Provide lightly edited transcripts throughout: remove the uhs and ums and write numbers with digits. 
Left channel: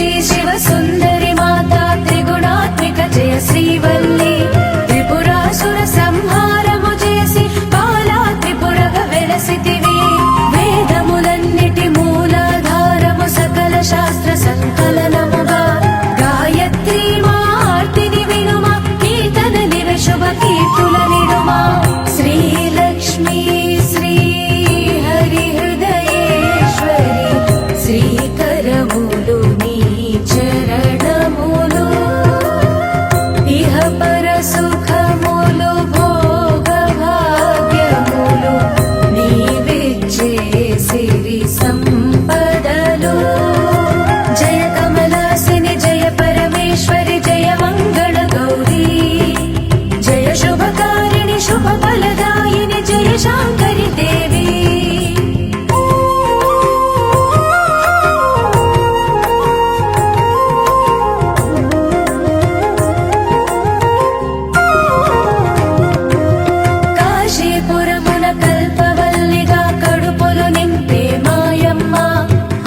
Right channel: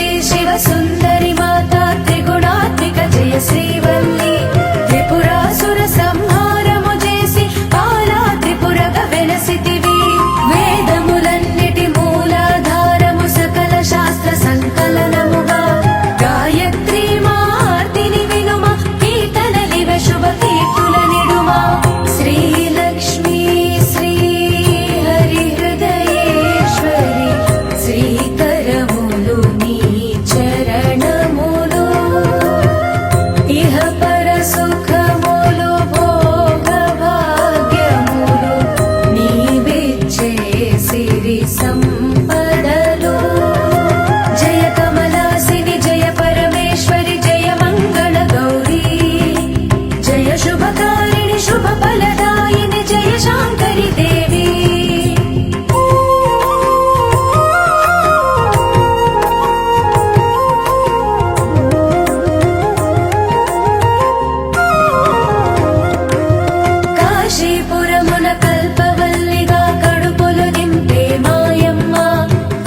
శ్రీ శివ సుందరి మాతా త్రిగుణాత్మిక జయ శ్రీవల్లి త్రిపురాసుర సంహారము చేసి పాలా త్రిపురగ వెలసితివి వేదములన్నిటి మూలాధారము సకల శాస్త్ర సంకలనముగా గాయత్రి మార్తిని వినుమ కీర్తనలివ శుభ కీర్తుల నిడుమ శ్రీలక్ష్మీ శ్రీ హరి హృదయేశ్వరి శ్రీకరములు నీ చరణములు ఇహ పర సుఖములు భోగ భాగ్యములు నీవిచ్చే సిరి సంపదలు జయ కమలాసిని జయ పరమేశ్వరి జయ మంగళ గౌరీ జయ శుభకారిణి శుభ ఫలదాయిని జయ శాంకరి దేవి కాశీపురమున కల్పవల్లిగా కడుపులు నింపే మాయమ్మ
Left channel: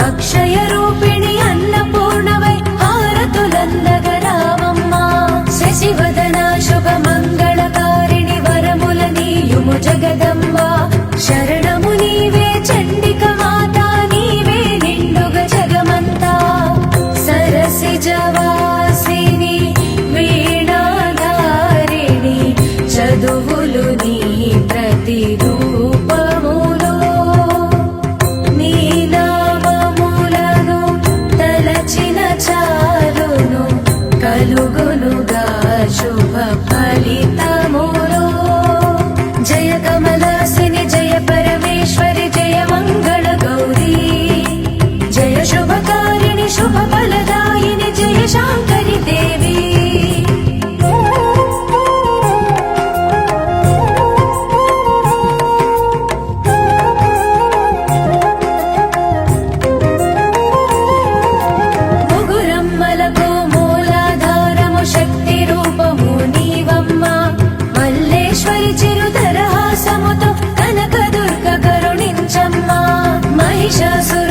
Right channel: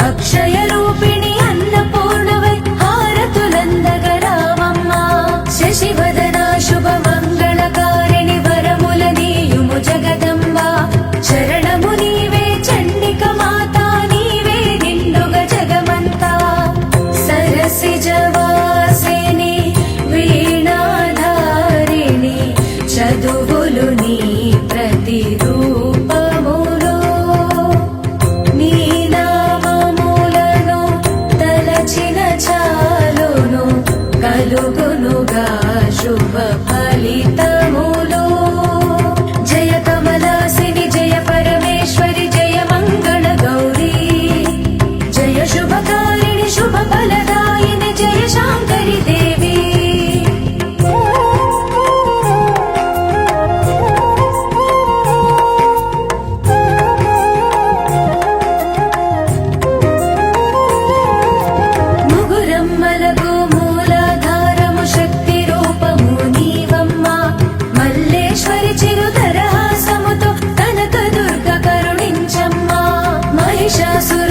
అక్షయ రూపిణి అన్నపూర్ణవై హారతులందగరావమ్మ శశివదన శుభ మంగళకారిణి వరముల నీయుము జగదంబ శరణము నీవే చండిక మాతా నీవే నిండుగ జగమంతా సరసిజవాసిని వీణాధారిణి చదువులు నీ ప్రతిరూపములు నీ నామములను తలచిన చాలును కలుగునుగా శుభ ఫలితములు జయ కమలాసిని జయ పరమేశ్వరి జయ మంగళ గౌరీ జయ శుభకారిణి శుభ ఫలదాయిని జయ శాంకరి దేవి ముగురమ్మలకు మూలాధారము శక్తి రూపము నీవమ్మ మల్లేశ్వరి చిరుదరహాసముతో కనక దుర్గ కరుణించమ్మ మహిషాసుర